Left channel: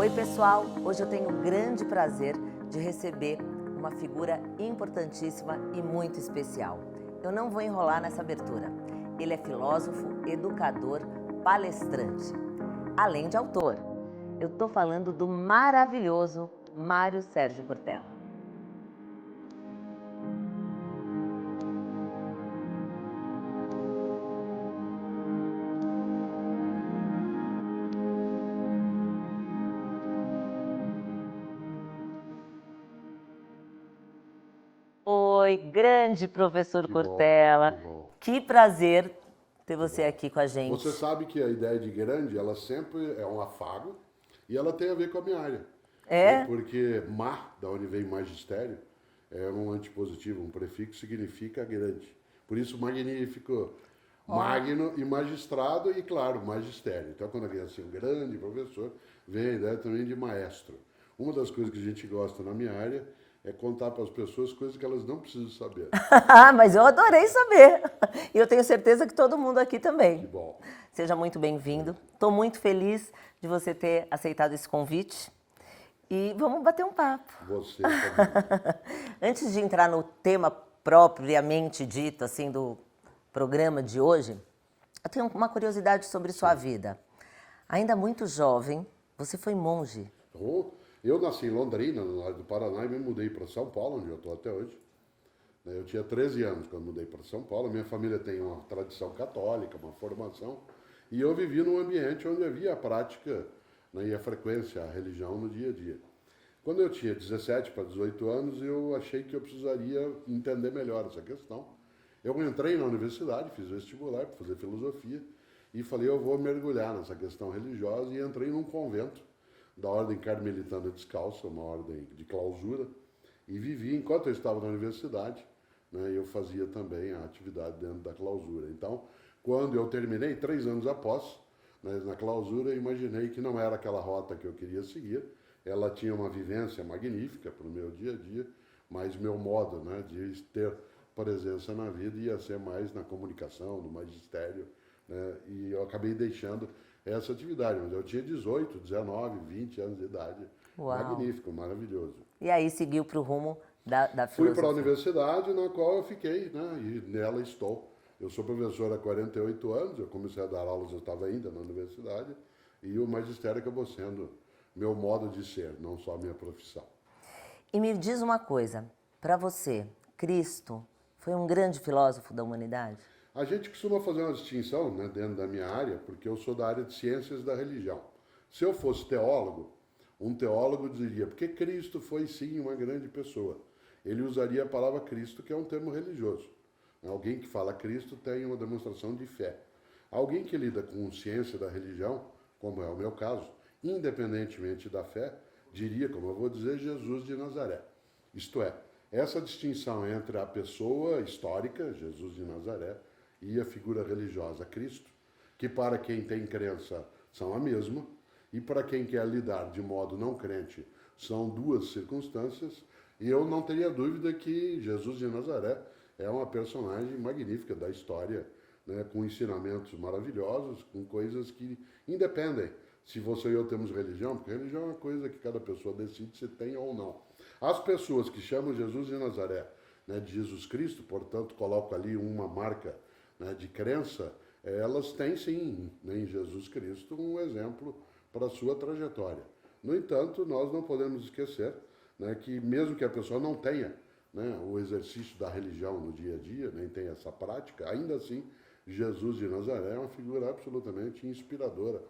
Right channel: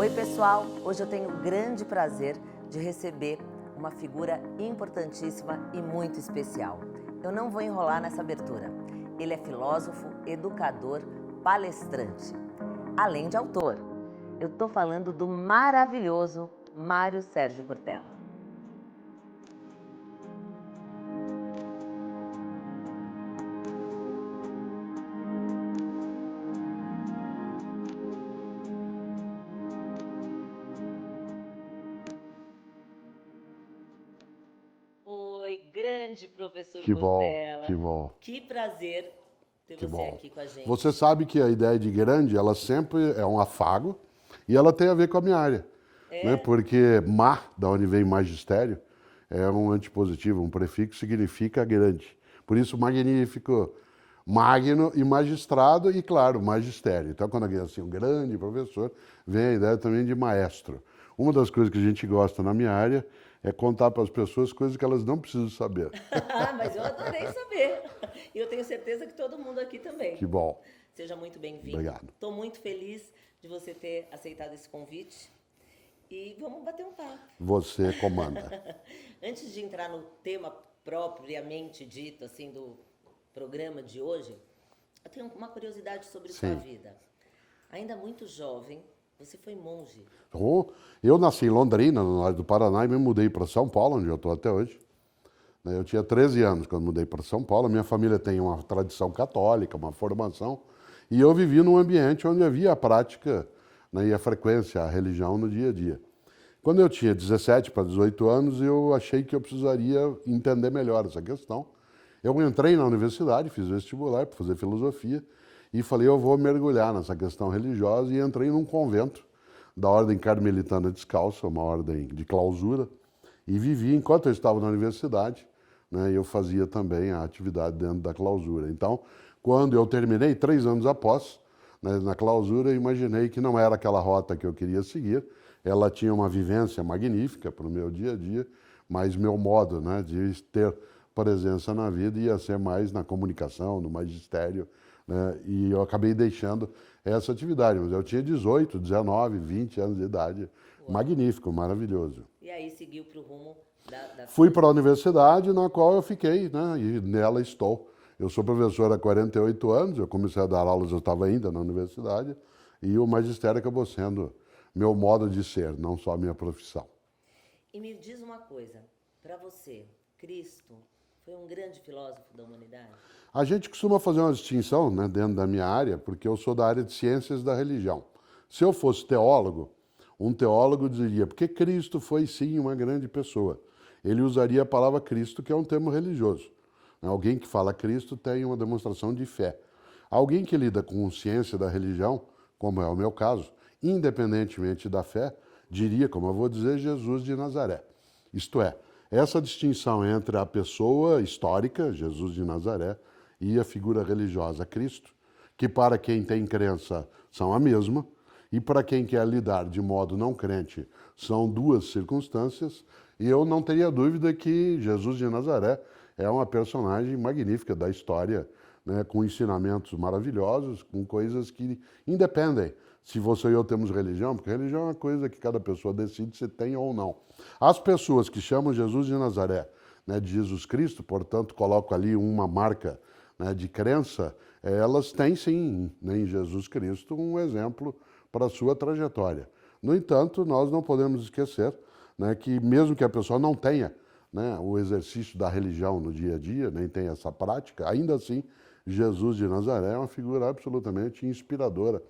Oi pessoal, hoje eu tenho o grande prazer de receber uma figura importantíssima e muito especial. Eu não vou enrolar nessa abertura. Ele é filósofo, educador, palestrante, além de autor. Eu estou falando do maravilhoso Mário Sérgio Cortella. Oi, grande professor Cortella. Que bom. Que prazer ter Que você bom. aqui com a gente. Você sabe que a ideia de grande, ela sempre é um afago e ela tem a ver com a minha área. É? Porque da onde vem magistério, é um antipositivo, um prefixo significa grande. Por isso, magnífico, magno e magistrado e, claro, magistério. Então, quando alguém é assim, um grande professor, vem a ideia também de maestro. Uma das coisas que a gente gosta na minha área é contar para as pessoas coisas que elas não precisam saber. Mas eu adorei saber. E eu tenho certeza que todo mundo aqui também. Que bom. Seja muito bem-vindo. Obrigado. Estou muito feliz de você ter aceitado esse convite. E vamos bater um papo. Você comanda. Antes de entrar no tema propriamente dito, assim, do programa de hoje, eu tenho uma curiosidade sobre sua vida. Ainda muito jovem, você foi monge. Eu nasci em Londrina, no norte do Paraná, e me mudei para São Paulo, onde eu estou até hoje. Eu tinha 13 anos quando mudei para São Paulo. Minha família tem uma tradição católica, uma formação, e eu vivi num ambiente onde havia a prática, e a frequência, a religião no dia a dia. Quando eu tinha 17 para 18 anos, eu achei que eu precisaria entender melhor essa questão. Eu entrei na universidade, fiz vestibular para fazer filosofia, e falei, eu vou mergulhar nessa questão religiosa, e entrei num convento da Ordem Carmelitana Descalça, uma ordem de clausura, e vivi enquanto eu estava na universidade, eu fazia também a atividade dentro da clausura. Então, quando eu terminei, 3 anos após, na clausura, eu imaginei que não era aquela rota que eu queria seguir. Ela tinha uma vivência magnífica para o meu dia a dia, mas meu modo de ter presença na vida ia ser mais na comunicação, no magistério, e eu acabei deixando essa atividade. Mas eu tinha 18, 19, 20 anos de idade. Uau. Magnífico, maravilhoso. E aí seguiu para o rumo da Fui para a universidade, na qual eu fiquei, e nela estou. Eu sou professor há 48 anos, eu comecei a dar aulas, eu estava ainda na universidade, e o magistério acabou sendo meu modo de ser, não só a minha profissão. E me diz uma coisa, para você, Cristo foi um grande filósofo da humanidade? A gente costuma fazer uma distinção dentro da minha área, porque eu sou da área de ciências da religião. Se eu fosse teólogo, um teólogo diria, porque Cristo foi sim uma grande pessoa. Ele usaria a palavra Cristo, que é um termo religioso. Alguém que fala Cristo tem uma demonstração de fé. Alguém que lida com ciência da religião, como é o meu caso, independentemente da fé, diria, como eu vou dizer, Jesus de Nazaré. Isto é, essa distinção entre a pessoa histórica, Jesus de Nazaré, e a figura religiosa, Cristo, que para quem tem crença são a mesma, e para quem quer lidar de modo não crente, são duas circunstâncias, e eu não teria dúvida que Jesus de Nazaré é uma personagem magnífica da história, com ensinamentos maravilhosos, com coisas que independem se você e eu temos religião, porque religião é uma coisa que cada pessoa decide se tem ou não. As pessoas que chamam Jesus de Nazaré, de Jesus Cristo, portanto, colocam ali uma marca de crença, elas têm sim, em Jesus Cristo, um exemplo para a sua trajetória. No entanto, nós não podemos esquecer que mesmo que a pessoa não tenha o exercício da religião no dia a dia, nem tenha essa prática, ainda assim, Jesus de Nazaré é uma figura absolutamente inspiradora,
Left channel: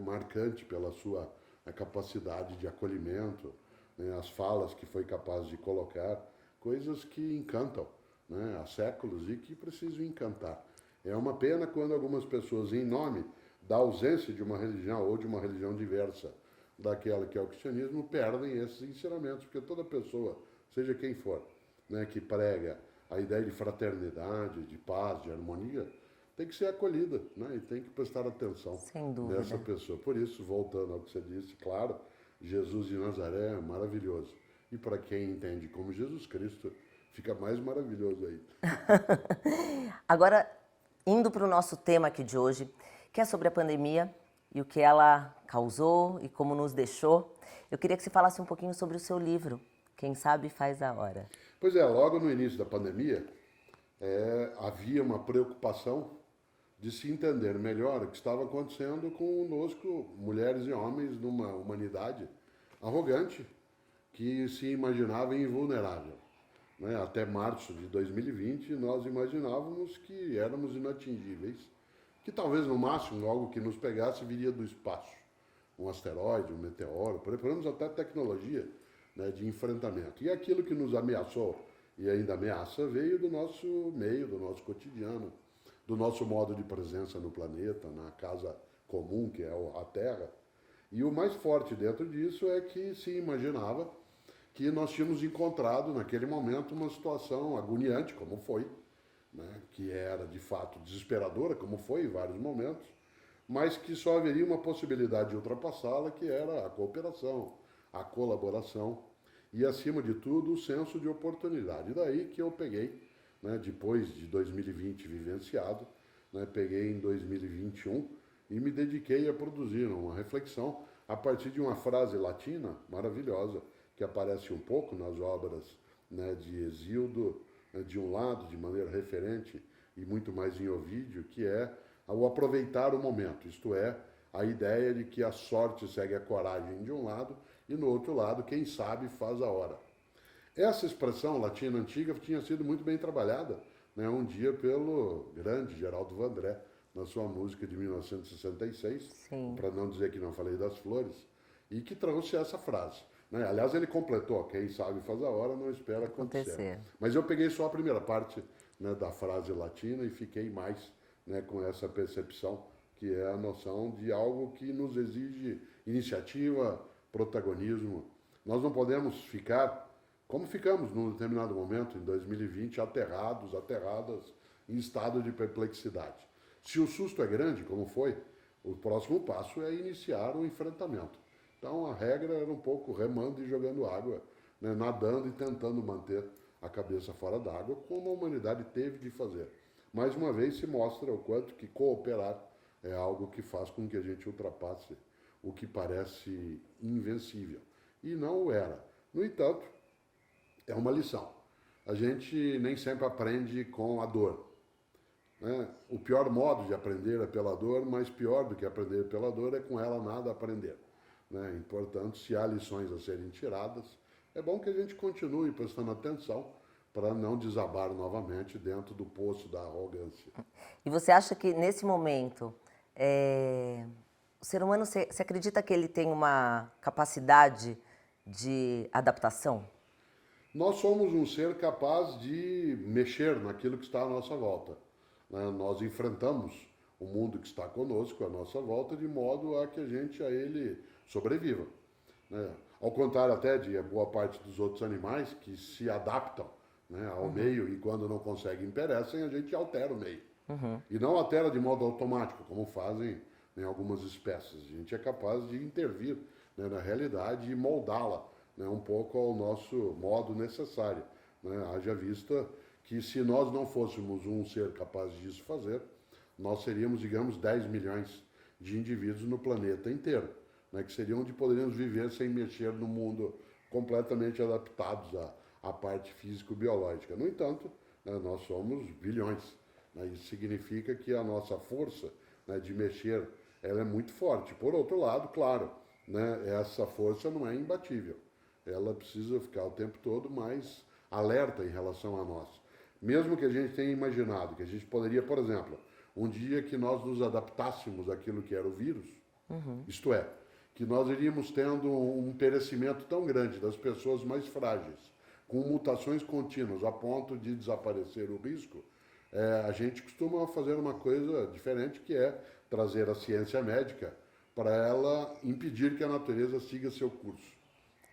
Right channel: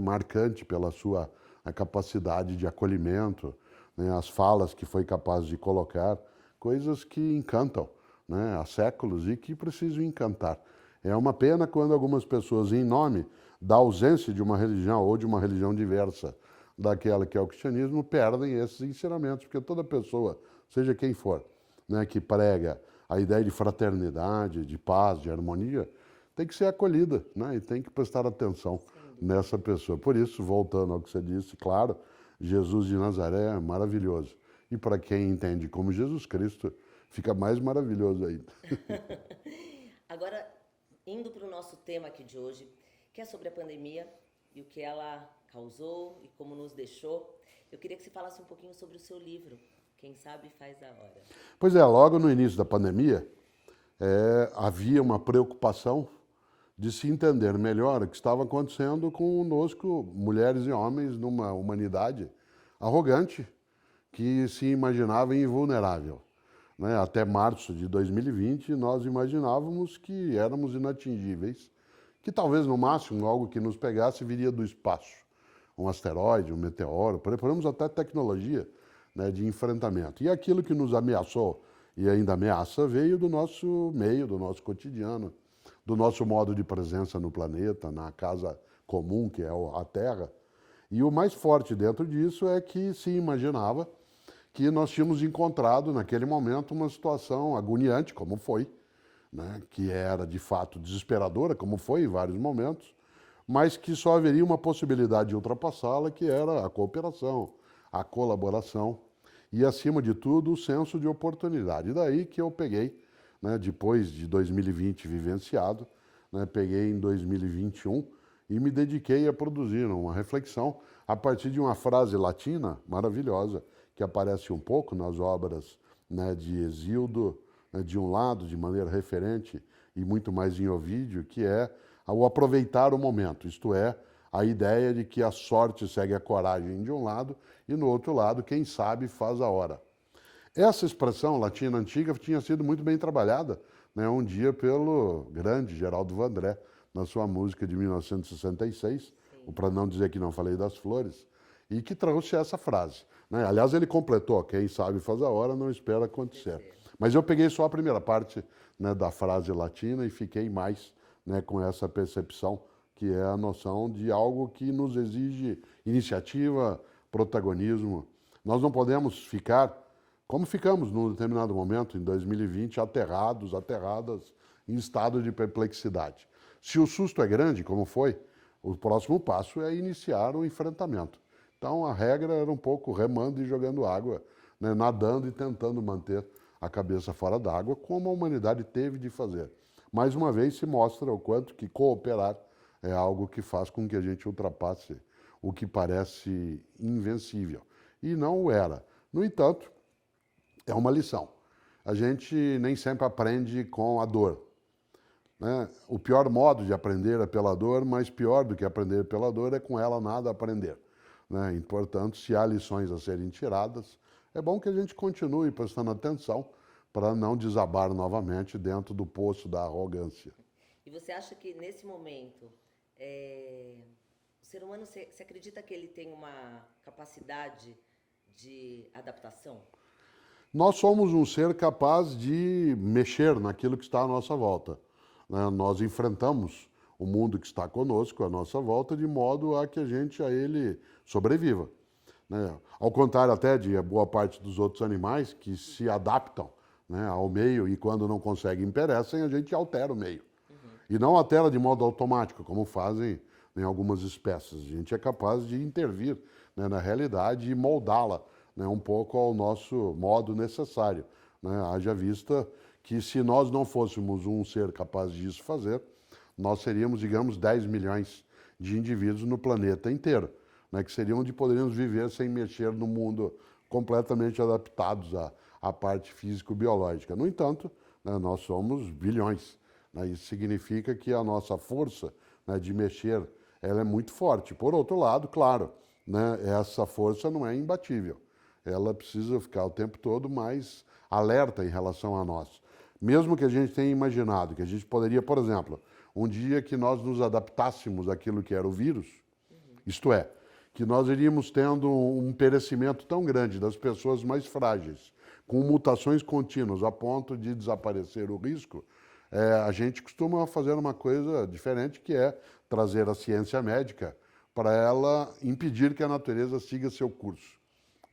marcante pela sua capacidade de acolhimento, as falas que foi capaz de colocar, coisas que encantam há séculos e que precisam encantar. É uma pena quando algumas pessoas, em nome da ausência de uma religião ou de uma religião diversa daquela que é o cristianismo, perdem esses ensinamentos, porque toda pessoa, seja quem for, que prega a ideia de fraternidade, de paz, de harmonia, tem que ser acolhida, e tem que prestar atenção nessa pessoa. Por isso, voltando ao que você disse, claro, Jesus de Nazaré é maravilhoso. E para quem entende como Jesus Cristo, fica mais maravilhoso ainda. Agora, indo para o nosso tema aqui de hoje, que é sobre a pandemia e o que ela causou e como nos deixou. Eu queria que você falasse um pouquinho sobre o seu livro, Quem Sabe Faz a Hora. Pois é, logo no início da pandemia, havia uma preocupação de se entender melhor o que estava acontecendo conosco, mulheres e homens, numa humanidade arrogante que se imaginava invulnerável. Né? Até março de 2020, nós imaginávamos que éramos inatingíveis, que talvez no máximo algo que nos pegasse viria do espaço, um asteroide, um meteoro, preparamos até tecnologia, né, de enfrentamento. E aquilo que nos ameaçou e ainda ameaça veio do nosso meio, do nosso cotidiano, do nosso modo de presença no planeta, na casa comum que é a Terra. E o mais forte dentro disso é que se imaginava que nós tínhamos encontrado naquele momento uma situação agoniante, como foi, né, que era de fato desesperadora, como foi em vários momentos, mas que só haveria uma possibilidade de ultrapassá-la, que era a cooperação, a colaboração e, acima de tudo, o senso de oportunidade. E daí que eu peguei, né, depois de 2020 vivenciado, né, peguei em 2021 e me dediquei a produzir uma reflexão a partir de uma frase latina maravilhosa, que aparece um pouco nas obras, né, de Hesíodo, né, de um lado, de maneira referente, e muito mais em Ovídio, que é o aproveitar o momento, isto é, a ideia de que a sorte segue a coragem de um lado, e no outro lado, quem sabe faz a hora. Essa expressão latina antiga tinha sido muito bem trabalhada, né, um dia pelo grande Geraldo Vandré, na sua música de 1966, para não dizer que não falei das flores, e que trouxe essa frase. Né? Aliás, ele completou, quem sabe faz a hora, não espera acontecer. Mas eu peguei só a primeira parte, né, da frase latina e fiquei mais, né, com essa percepção, que é a noção de algo que nos exige iniciativa, protagonismo. Nós não podemos ficar, como ficamos num determinado momento, em 2020, aterradas, em estado de perplexidade. Se o susto é grande, como foi, o próximo passo é iniciar o enfrentamento. Então a regra era um pouco remando e jogando água, né, nadando e tentando manter a cabeça fora d'água, como a humanidade teve de fazer. Mais uma vez se mostra o quanto que cooperar é algo que faz com que a gente ultrapasse o que parece invencível. E não o era. No entanto, é uma lição. A gente nem sempre aprende com a dor. Né? O pior modo de aprender é pela dor, mas pior do que aprender pela dor é com ela nada aprender. Né? E, portanto, se há lições a serem tiradas, é bom que a gente continue prestando atenção para não desabar novamente dentro do poço da arrogância. E você acha que, nesse momento, o ser humano, você acredita que ele tem uma capacidade de adaptação? Nós somos um ser capaz de mexer naquilo que está à nossa volta. Né? Nós enfrentamos o mundo que está conosco, à nossa volta, de modo a que a gente a ele sobreviva. Né? Ao contrário até de boa parte dos outros animais que se adaptam, né, ao meio e quando não conseguem perecem, a gente altera o meio. E não altera de modo automático, como fazem, né, algumas espécies. A gente é capaz de intervir, né, na realidade e moldá-la, né, um pouco ao nosso modo necessário. Né? Haja vista que se nós não fôssemos um ser capaz disso fazer, nós seríamos, digamos, 10 milhões de indivíduos no planeta inteiro, né, que seriam onde poderíamos viver sem mexer no mundo, completamente adaptados à parte físico-biológica. No entanto, né, nós somos bilhões. Né, isso significa que a nossa força, né, de mexer ela é muito forte. Por outro lado, claro, né, essa força não é imbatível. Ela precisa ficar o tempo todo mais alerta em relação a nós. Mesmo que a gente tenha imaginado que a gente poderia, por exemplo, um dia que nós nos adaptássemos àquilo que era o vírus, isto é, que nós iríamos tendo um perecimento tão grande das pessoas mais frágeis, com mutações contínuas a ponto de desaparecer o risco, a gente costuma fazer uma coisa diferente, que é trazer a ciência médica para ela impedir que a natureza siga seu curso.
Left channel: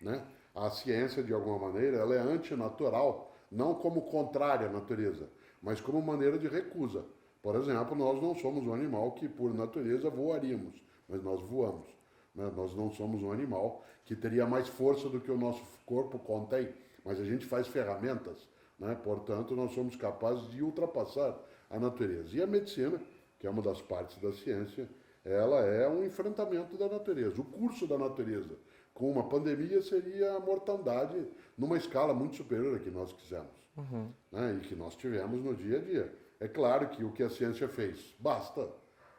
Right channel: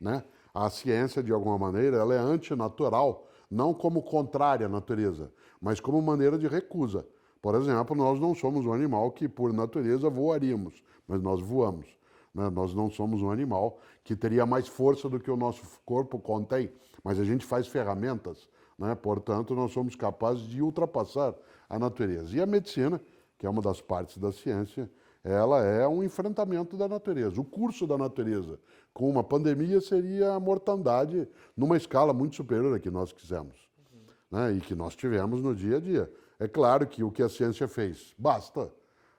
Né? A ciência, de alguma maneira, ela é antinatural, não como contrária à natureza, mas como maneira de recusa. Por exemplo, nós não somos um animal que, por natureza, voaríamos, mas nós voamos. Né? Nós não somos um animal que teria mais força do que o nosso corpo contém, mas a gente faz ferramentas, né? Portanto, nós somos capazes de ultrapassar a natureza. E a medicina, que é uma das partes da ciência, ela é um enfrentamento da natureza. O curso da natureza com uma pandemia seria a mortandade numa escala muito superior à que nós quisemos, né? E que nós tivemos no dia a dia. É claro que o que a ciência fez, basta.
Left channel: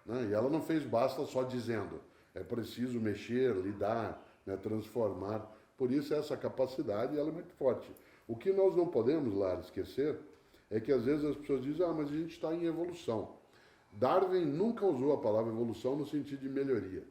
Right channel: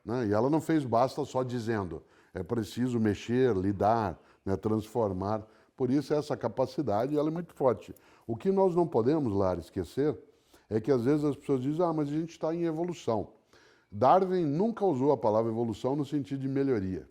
Né? E ela não fez basta só dizendo, é preciso mexer, lidar, né? Transformar. Por isso essa capacidade ela é muito forte. O que nós não podemos, Lara, esquecer é que às vezes as pessoas dizem, mas a gente está em evolução. Darwin nunca usou a palavra evolução no sentido de melhoria.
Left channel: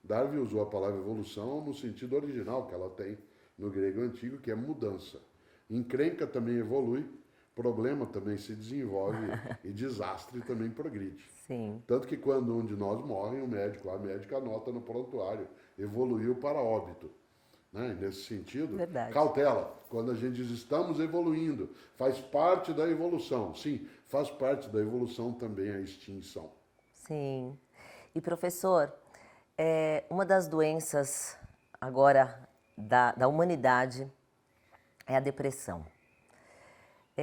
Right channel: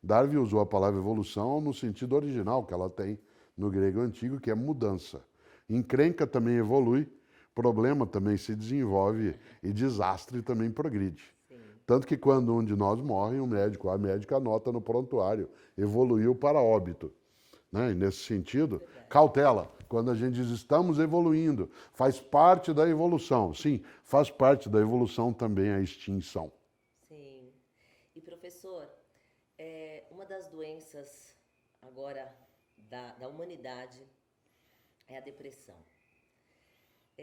Darwin usou a palavra evolução no sentido original que ela tem no grego antigo, que é mudança. Encrenca também evolui, problema também se desenvolve e desastre também progride. Sim. Tanto que quando um de nós morre, a médica anota no prontuário, evoluiu para óbito. Né? E nesse sentido, Verdade. cautela. Quando a gente diz estamos evoluindo, faz parte da evolução. Sim, faz parte da evolução também a extinção. Sim. E professor, uma das doenças agora da humanidade é a depressão.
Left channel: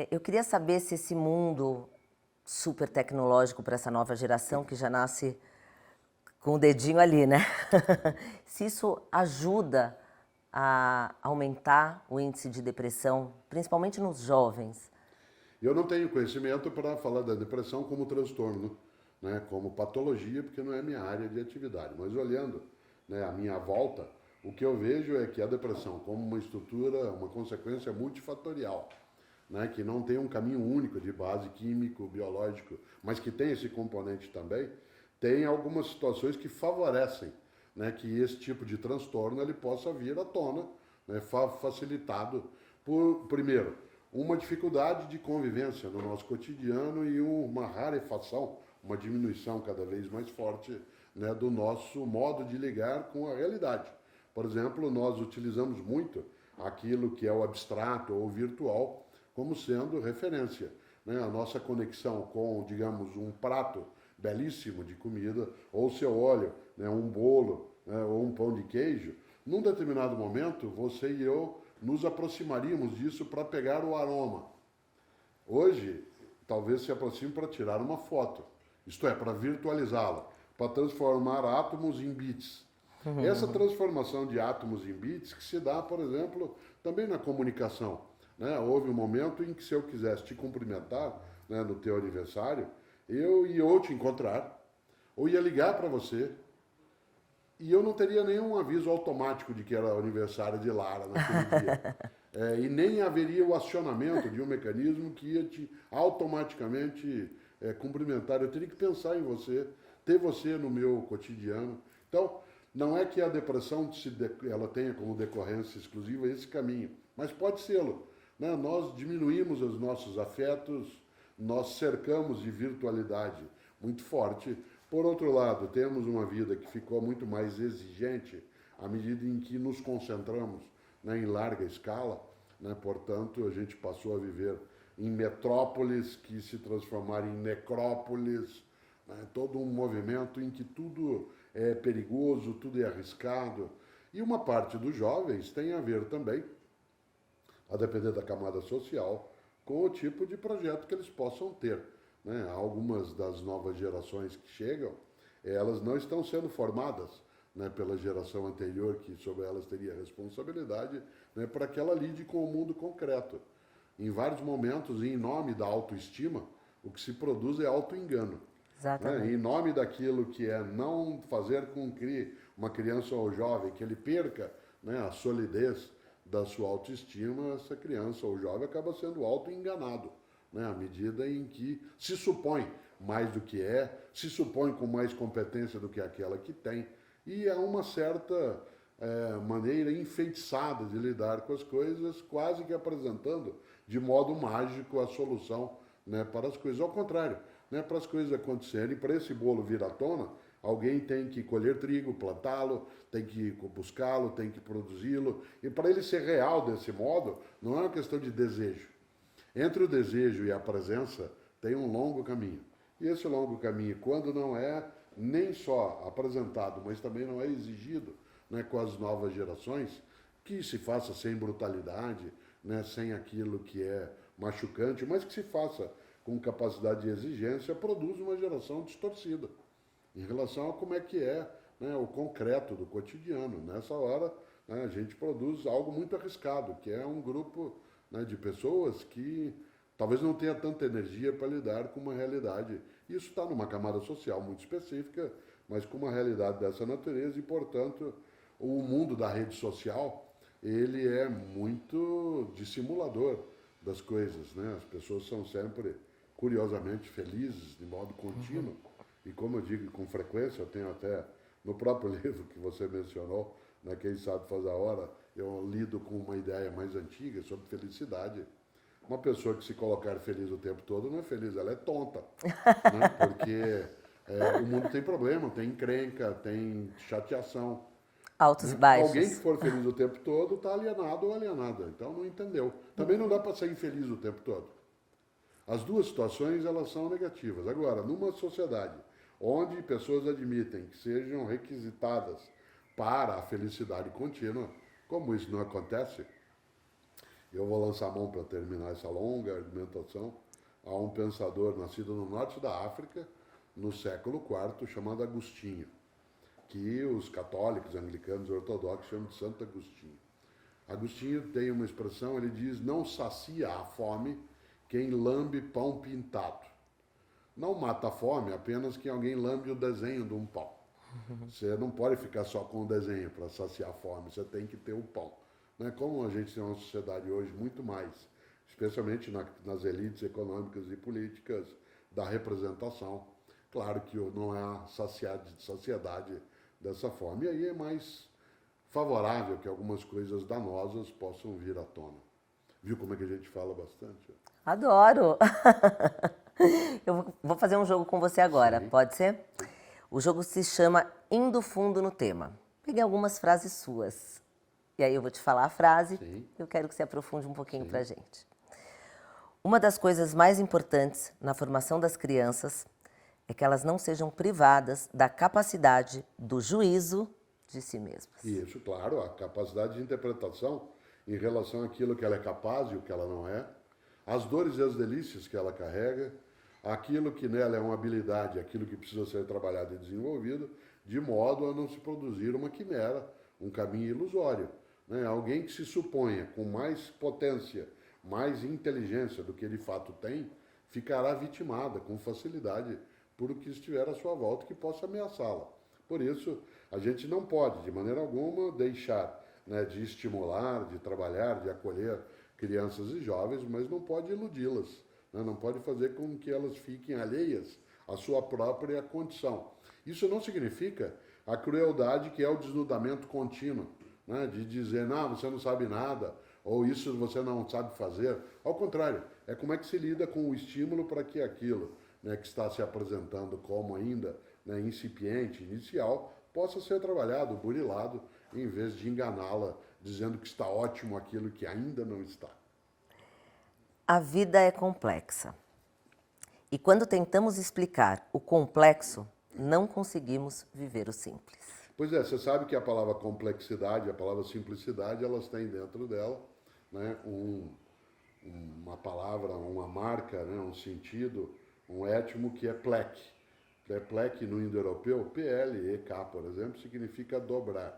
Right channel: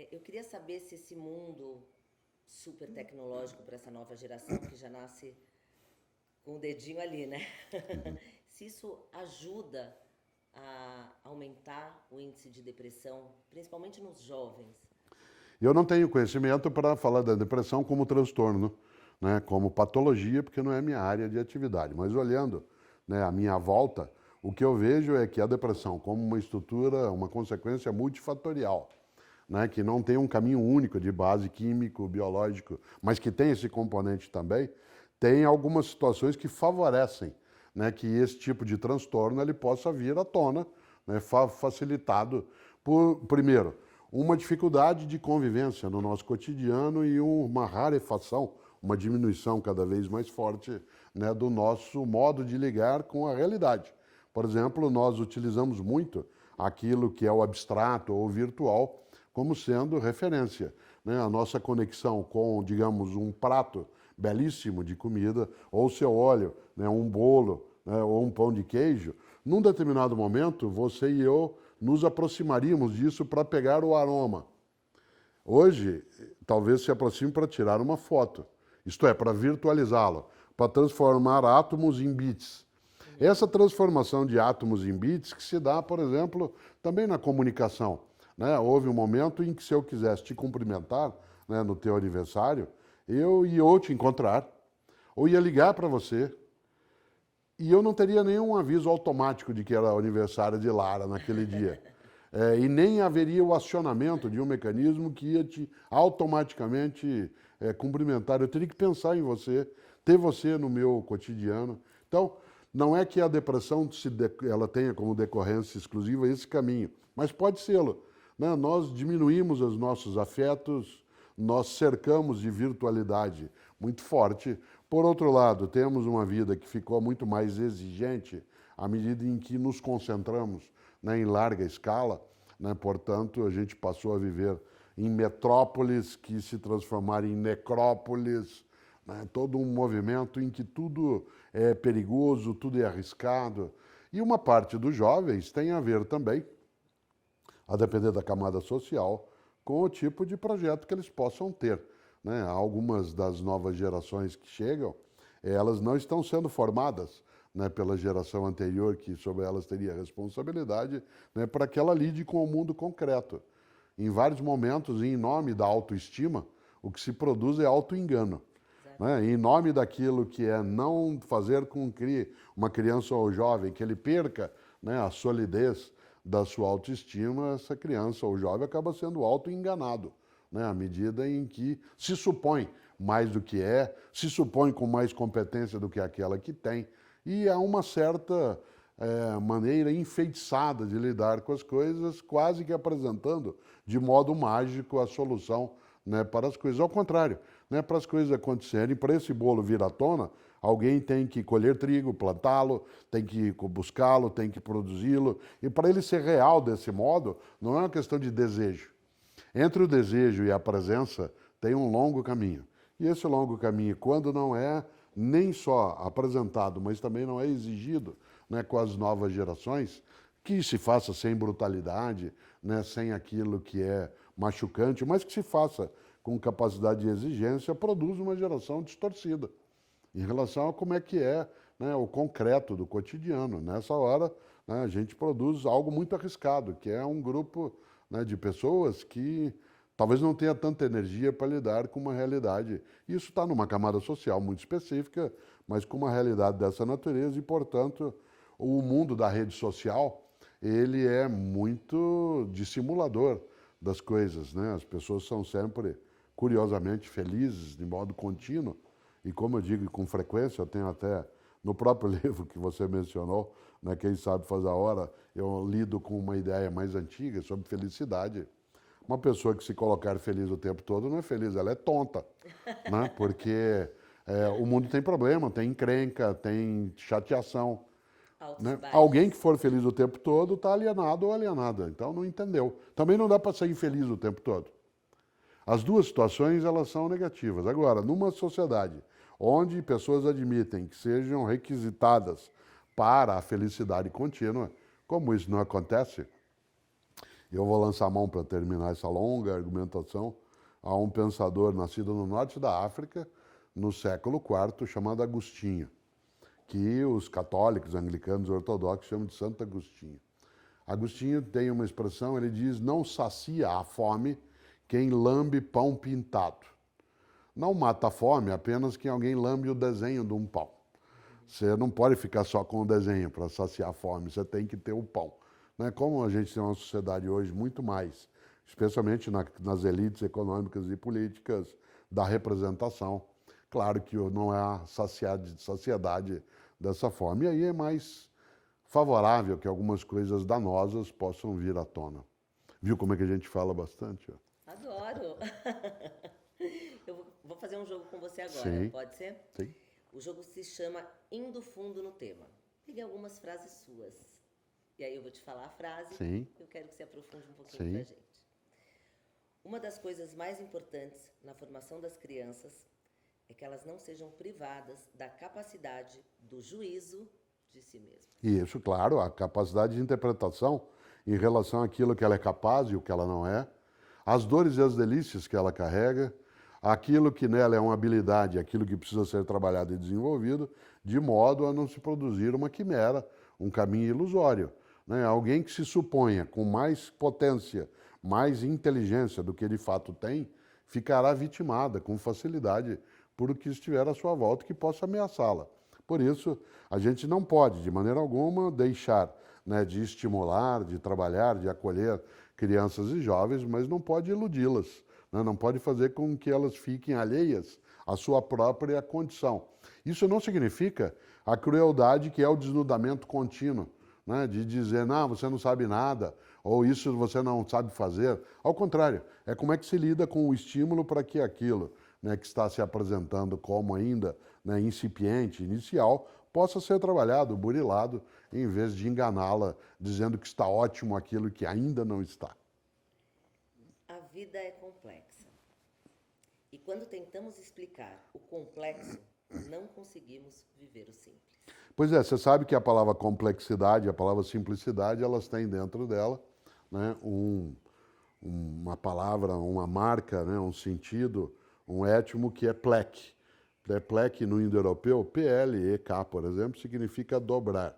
Eu queria saber se esse mundo super tecnológico para essa nova geração, que já nasce com o dedinho ali, né? Se isso ajuda a aumentar o índice de depressão, principalmente nos jovens. Eu não tenho conhecimento para falar da depressão como transtorno, né, como patologia, porque não é minha área de atividade. Mas olhando, né, a minha volta, o que eu vejo é que a depressão, como uma estrutura, uma consequência multifatorial, né, que não tem um caminho único de base químico, biológico, mas que tem esse componente também, tem algumas situações que favorecem, né, que esse tipo de transtorno ele possa vir à tona, né, facilitado por, primeiro, uma dificuldade de convivência no nosso cotidiano e uma rarefação, uma diminuição cada vez mais forte, né, do nosso modo de ligar com a realidade. Por exemplo, nós utilizamos muito aquilo que é o abstrato ou virtual como sendo referência, né? A nossa conexão com, digamos, um prato belíssimo de comida, ou se eu olho, né, um bolo, né, ou um pão de queijo, num determinado momento, você e eu nos aproximaríamos disso para pegar o aroma. Hoje, talvez se aproxime para tirar uma foto, isto é, para virtualizá-lo, para transformar átomos em bits. Essa transformação de átomos em bits que se dá, por exemplo, também na comunicação. Né? Houve um momento em que se eu quisesse te cumprimentar, né, no teu aniversário, eu ia ou te encontrar, ou ia ligar para você, e eu não teria nenhum aviso automático de que era aniversário de Lara naquele dia. E nem haveria o acionamento de um mecanismo que ia te automaticamente cumprimentar. Eu teria que pensar em você, ter você no meu cotidiano. Então, não é que a depressão ela tenha como decorrência exclusiva esse caminho, mas pode sê-lo. Né? Nós diminuímos os nossos afetos, nós cercamos de virtualidade muito forte. Por outro lado, temos uma vida que ficou muito mais exigente à medida em que nos concentramos, né, em larga escala. Né? Portanto, a gente passou a viver em metrópoles que se transformaram em necrópolis, né? Todo um movimento em que tudo é perigoso, tudo é arriscado. E uma parte dos jovens tem a ver também, a depender da camada social, com o tipo de projeto que eles possam ter. Né? Algumas das novas gerações que chegam, elas não estão sendo formadas, né, pela geração anterior, que sobre elas teria responsabilidade, né, para que ela lide com o mundo concreto. Em vários momentos, em nome da autoestima, o que se produz é autoengano. Né? Em nome daquilo que é não fazer com que uma criança ou jovem que ele perca, né, a solidez da sua autoestima, essa criança ou jovem acaba sendo autoenganado, né, à medida em que se supõe mais do que é, se supõe com mais competência do que aquela que tem, e há uma certa maneira enfeitiçada de lidar com as coisas, quase que apresentando de modo mágico a solução, né, para as coisas. Ao contrário, né, para as coisas acontecerem, para esse bolo vir à tona, alguém tem que colher trigo, plantá-lo, tem que buscá-lo, tem que produzi-lo, e para ele ser real desse modo, não é uma questão de desejo. Entre o desejo e a presença tem um longo caminho. E esse longo caminho, quando não é nem só apresentado, mas também não é exigido, né, com as novas gerações, que se faça sem brutalidade, né, sem aquilo que é machucante, mas que se faça com capacidade de exigência, produz uma geração distorcida. em relação a como é que é, né, o concreto do cotidiano. Nessa hora, né, a gente produz algo muito arriscado, que é um grupo, né, de pessoas que talvez não tenha tanta energia para lidar com uma realidade. Isso está numa camada social muito específica, mas com uma realidade dessa natureza e, portanto, o mundo da rede social, ele é muito dissimulador das coisas, né? As pessoas são sempre, curiosamente, felizes de modo contínuo. E como eu digo com frequência, eu tenho até no próprio livro que você mencionou, né, Quem Sabe Faz a Hora, eu lido com uma ideia mais antiga sobre felicidade. Uma pessoa que se colocar feliz o tempo todo não é feliz, ela é tonta, né? Porque o mundo tem problema, tem encrenca, tem chateação, Altos e né? Alguém que baixos. for feliz o tempo todo está alienado ou alienada, então não entendeu. Também não dá para ser infeliz o tempo todo. As duas situações, elas são negativas. Agora, numa sociedade onde pessoas admitem que sejam requisitadas para a felicidade contínua, como isso não acontece, eu vou lançar a mão para terminar essa longa argumentação a um pensador nascido no norte da África, no século IV, chamado Agostinho, que os católicos, anglicanos e ortodoxos chamam de Santo Agostinho. Agostinho tem uma expressão, ele diz, não sacia a fome quem lambe pão pintado. Não mata a fome apenas quem alguém lambe o desenho de um pão. Você não pode ficar só com o desenho para saciar a fome, você tem que ter o pão. Né? Como a gente tem uma sociedade hoje muito mais, especialmente nas elites econômicas e políticas, da representação, claro que não é a saciedade dessa forma. E aí é mais favorável que algumas coisas danosas possam vir à tona. Viu como é que a gente fala bastante? Adoro! Eu vou fazer um jogo com você agora, Sim. pode ser? Sim. O jogo se chama Indo Fundo no Tema. Peguei algumas frases suas. E aí eu vou te falar a frase. Sim. Eu quero que você aprofunde um pouquinho Sim. pra gente. Uma das coisas mais importantes na formação das crianças é que elas não sejam privadas da capacidade do juízo de si mesmas. Isso, claro, a capacidade de interpretação em relação àquilo que ela é capaz e o que ela não é, as dores e as delícias que ela carrega, aquilo que nela é uma habilidade, aquilo que precisa ser trabalhado e desenvolvido, de modo a não se produzir uma quimera, um caminho ilusório. Né? Alguém que se suponha com mais potência, mais inteligência do que de fato tem, ficará vitimada com facilidade por o que estiver à sua volta que possa ameaçá-la. Por isso, a gente não pode, de maneira alguma, deixar, né, de estimular, de trabalhar, de acolher crianças e jovens, mas não pode iludi-las, né? Não pode fazer com que elas fiquem alheias à sua própria condição. Isso não significa a crueldade que é o desnudamento contínuo, né? De dizer, não, você não sabe nada, ou isso você não sabe fazer. Ao contrário, é como é que se lida com o estímulo para que aquilo, né, que está se apresentando como ainda, né, incipiente, inicial, possa ser trabalhado, burilado, em vez de enganá-la, dizendo que está ótimo aquilo que ainda não está. A vida é complexa. E quando tentamos explicar o complexo, não conseguimos viver o simples. Pois é, você sabe que a palavra complexidade, a palavra simplicidade, elas têm dentro dela, né, uma palavra, uma marca, né, um sentido, um étimo que é plec. Plec no indo-europeu, P-L-E-K, por exemplo, significa dobrar.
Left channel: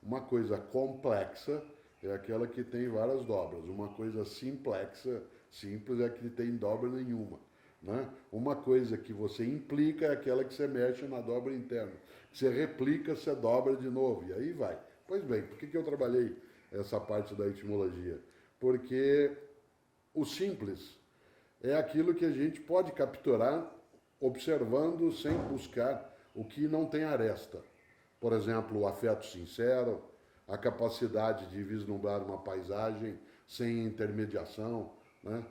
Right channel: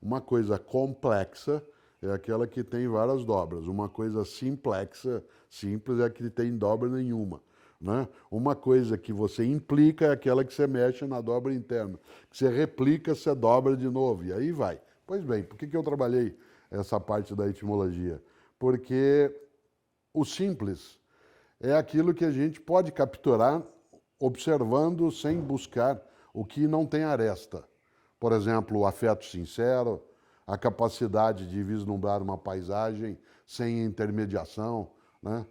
Uma coisa complexa é aquela que tem várias dobras. Uma coisa simplexa, simples, é a que tem dobra nenhuma. Né? Uma coisa que você implica é aquela que você mexe na dobra interna. Que você replica, você dobra de novo. E aí vai. Pois bem, por que eu trabalhei essa parte da etimologia? Porque o simples é aquilo que a gente pode capturar observando sem buscar o que não tem aresta. Por exemplo, o afeto sincero, a capacidade de vislumbrar uma paisagem sem intermediação. Né?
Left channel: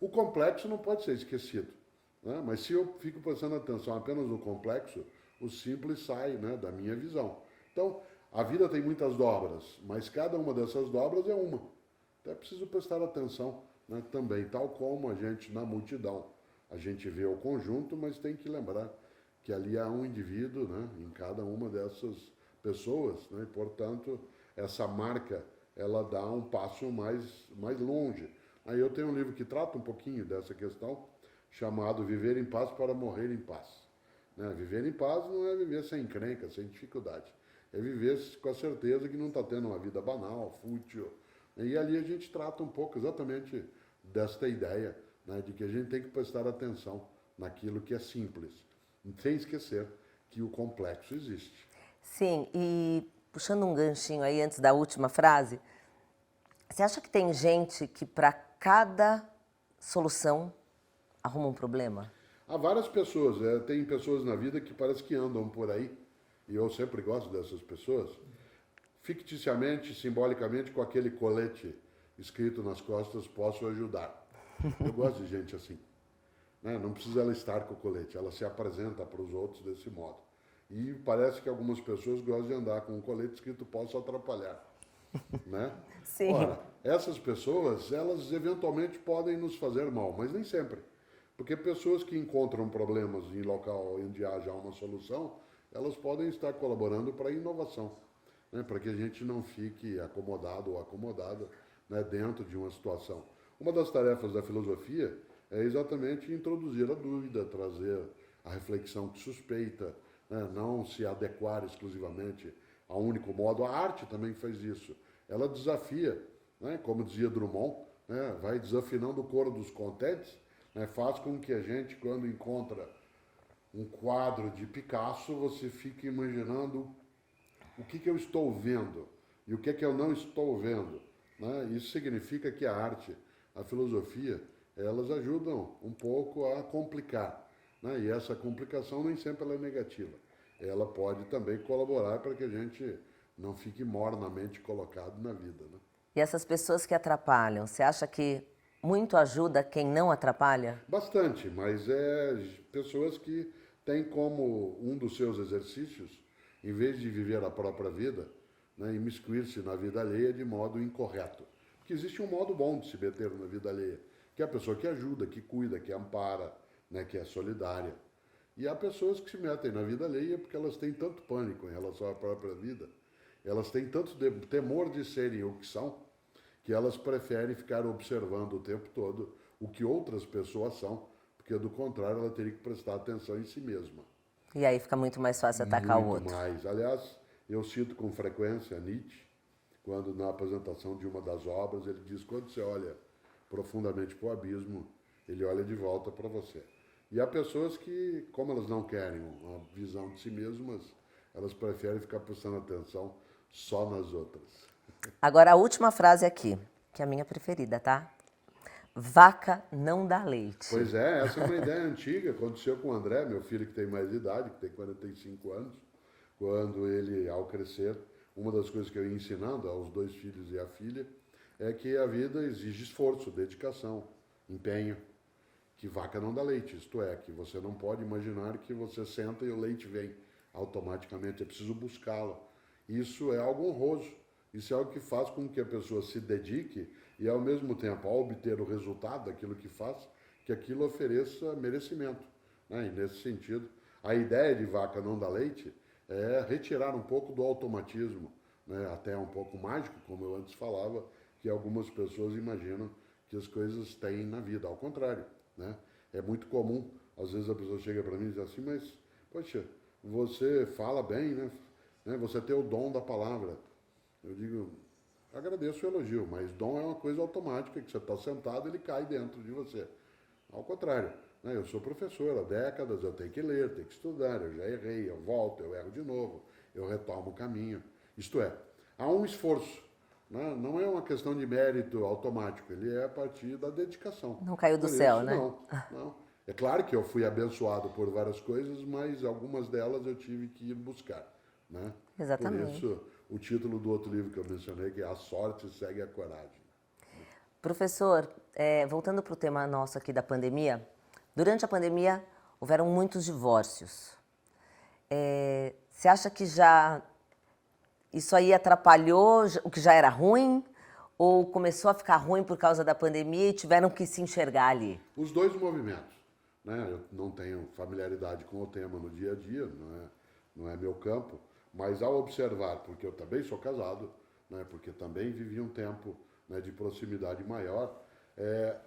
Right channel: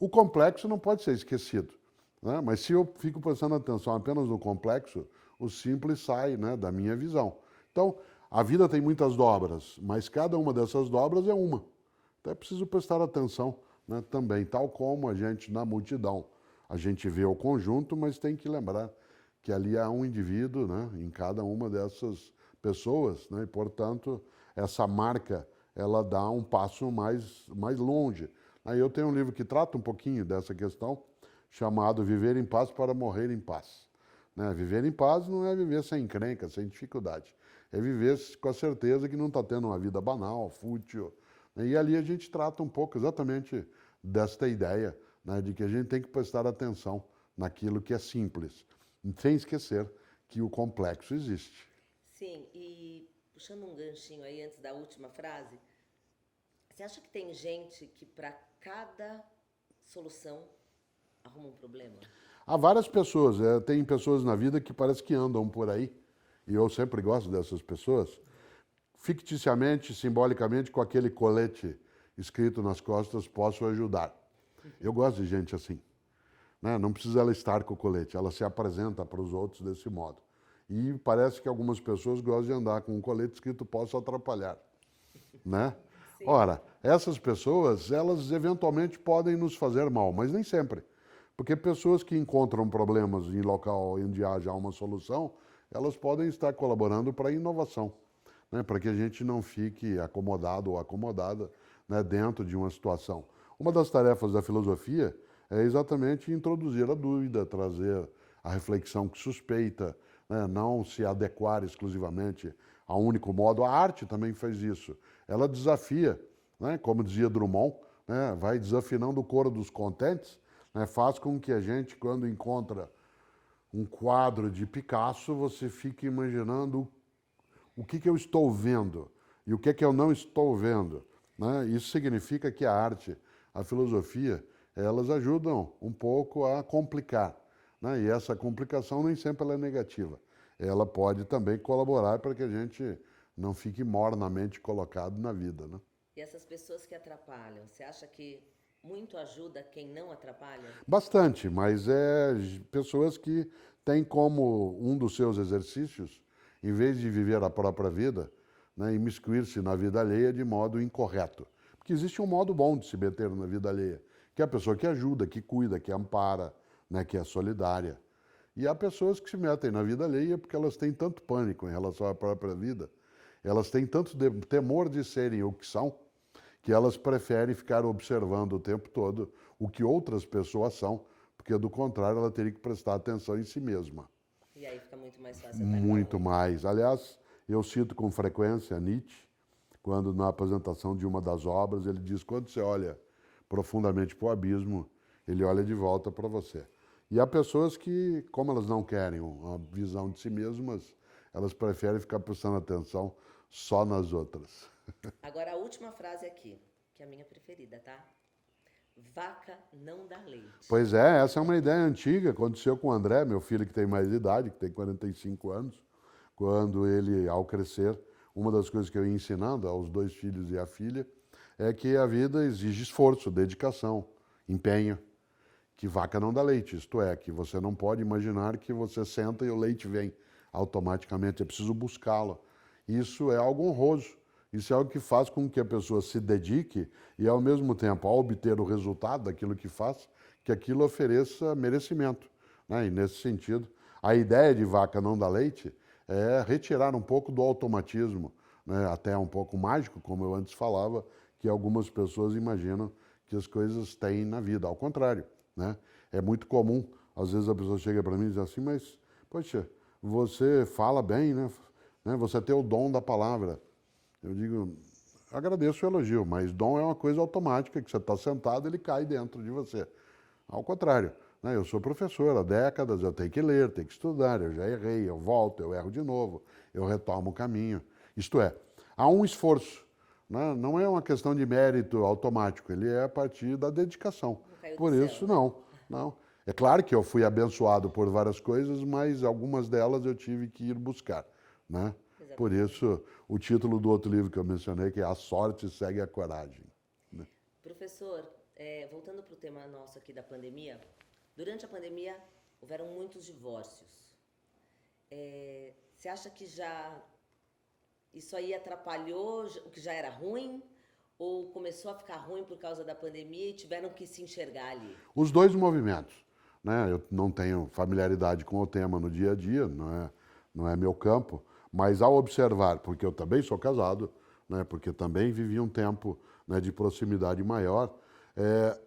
O complexo não pode ser esquecido. Né? Mas se eu fico prestando atenção apenas no complexo, o simples sai, né, da minha visão. Então, a vida tem muitas dobras, mas cada uma dessas dobras é uma. Então é preciso prestar atenção, né, também, tal como a gente na multidão. A gente vê o conjunto, mas tem que lembrar que ali há um indivíduo, né, em cada uma dessas pessoas, né, e, portanto, essa marca, ela dá um passo mais longe. Aí eu tenho um livro que trata um pouquinho dessa questão, chamado Viver em Paz para Morrer em Paz. Né? Viver em paz não é viver sem encrenca, sem dificuldade. É viver com a certeza que não está tendo uma vida banal, fútil. E ali a gente trata um pouco exatamente desta ideia, né, de que a gente tem que prestar atenção naquilo que é simples, sem esquecer que o complexo existe. Sim, e puxando um ganchinho aí antes da última frase, você acha que tem gente que para cada solução arruma um problema? Há várias pessoas, tem pessoas na vida que parece que andam por aí, e eu sempre gosto dessas pessoas, ficticiamente, simbolicamente, com aquele colete escrito nas costas, posso ajudar. Eu gosto de gente assim. Né? Não precisa ela estar com o colete, ela se apresenta para os outros desse modo. E parece que algumas pessoas gostam de andar com um colete escrito posso atrapalhar. Né? Sim. Ora, essas pessoas, elas eventualmente podem nos fazer mal, mas nem sempre. Porque pessoas que encontram problemas em local onde haja uma solução, elas podem estar colaborando para a inovação, né? Para que a gente não fique acomodado ou acomodada, né, dentro de uma situação. Uma das tarefas da filosofia é exatamente introduzir a dúvida, trazer a reflexão que suspeita, né, não se adequar exclusivamente a um único modo. A arte também faz isso. Ela desafia, né, como dizia Drummond, né, vai desafinando o coro dos contentes, né, faz com que a gente, quando encontra um quadro de Picasso, você fique imaginando o que eu estou vendo e o que eu não estou vendo. Né? Isso significa que a arte, a filosofia, elas ajudam um pouco a complicar. Né? E essa complicação nem sempre ela é negativa. Ela pode também colaborar para que a gente não fique mornamente colocado na vida. Né? E essas pessoas que atrapalham, você acha que muito ajuda quem não atrapalha? Bastante, mas é pessoas que têm como um dos seus exercícios, em vez de viver a própria vida, né, imiscuir-se na vida alheia de modo incorreto. Porque existe um modo bom de se meter na vida alheia, que é a pessoa que ajuda, que cuida, que ampara, né, que é solidária. E há pessoas que se metem na vida alheia porque elas têm tanto pânico em relação à própria vida, elas têm tanto temor de serem o que são, que elas preferem ficar observando o tempo todo o que outras pessoas são, porque do contrário ela teria que prestar atenção em si mesma. E aí fica muito mais fácil atacar o Muito outro. mais. Aliás, eu cito com frequência Nietzsche, quando na apresentação de uma das obras ele diz: quando você olha profundamente para o abismo, ele olha de volta para você. E há pessoas que, como elas não querem uma visão de si mesmas, elas preferem ficar prestando atenção só nas outras. Agora a última frase aqui, que é a minha preferida, tá? Vaca não dá leite. Pois é, essa é uma ideia antiga, aconteceu com o André, meu filho que tem mais idade, que tem 45 anos, quando ele, ao crescer, uma das coisas que eu ia ensinando aos dois filhos e à filha é que a vida exige esforço, dedicação, empenho, que vaca não dá leite, isto é, que você não pode imaginar que você senta e o leite vem automaticamente, é preciso buscá-lo. Isso é algo honroso, isso é algo que faz com que a pessoa se dedique e, ao mesmo tempo, ao obter o resultado daquilo que faz, que aquilo ofereça merecimento. Né? E, nesse sentido, a ideia de vaca não dá leite é retirar um pouco do automatismo, né? Até um pouco mágico, como eu antes falava, que algumas pessoas imaginam que as coisas têm na vida. Ao contrário, né? É muito comum, às vezes a pessoa chega para mim e diz assim: mas, poxa, você fala bem, né? Você tem o dom da palavra. Eu digo: agradeço o elogio, mas dom é uma coisa automática, que você está sentado, ele cai dentro de você. Ao contrário, né? Eu sou professor há décadas, eu tenho que ler, tenho que estudar, eu já errei, eu volto, eu erro de novo, eu retomo o caminho. Isto é, há um esforço, né? Não é uma questão de mérito automático, ele é a partir da dedicação. Não caiu do Por céu, isso, né? não. É claro que eu fui abençoado por várias coisas, mas algumas delas eu tive que ir buscar, né? Exatamente. Por isso, o título do outro livro que eu mencionei, que é A Sorte Segue a Coragem. Professor, voltando para o tema nosso aqui da pandemia, durante a pandemia houveram muitos divórcios. Você acha que já isso aí atrapalhou o que já era ruim? Ou começou a ficar ruim por causa da pandemia e tiveram que se enxergar ali? Os dois movimentos. Né? Eu não tenho familiaridade com o tema no dia a dia, não é meu campo, mas ao observar, porque eu também sou casado, né? Porque também vivi um tempo, né, de proximidade maior,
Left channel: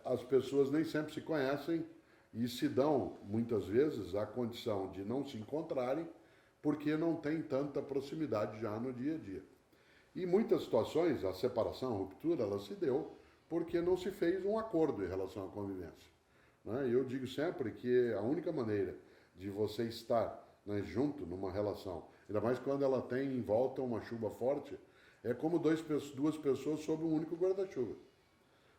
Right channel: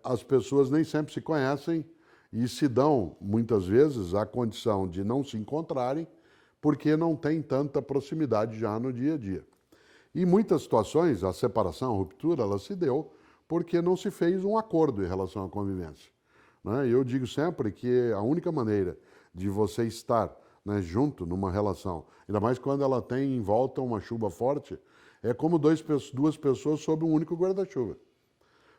as pessoas nem sempre se conhecem e se dão, muitas vezes, a condição de não se encontrarem porque não tem tanta proximidade já no dia a dia. Em muitas situações, a separação, a ruptura, ela se deu porque não se fez um acordo em relação à convivência. Né? Eu digo sempre que a única maneira de você estar, né, junto numa relação, ainda mais quando ela tem em volta uma chuva forte, é como duas pessoas sob um único guarda-chuva.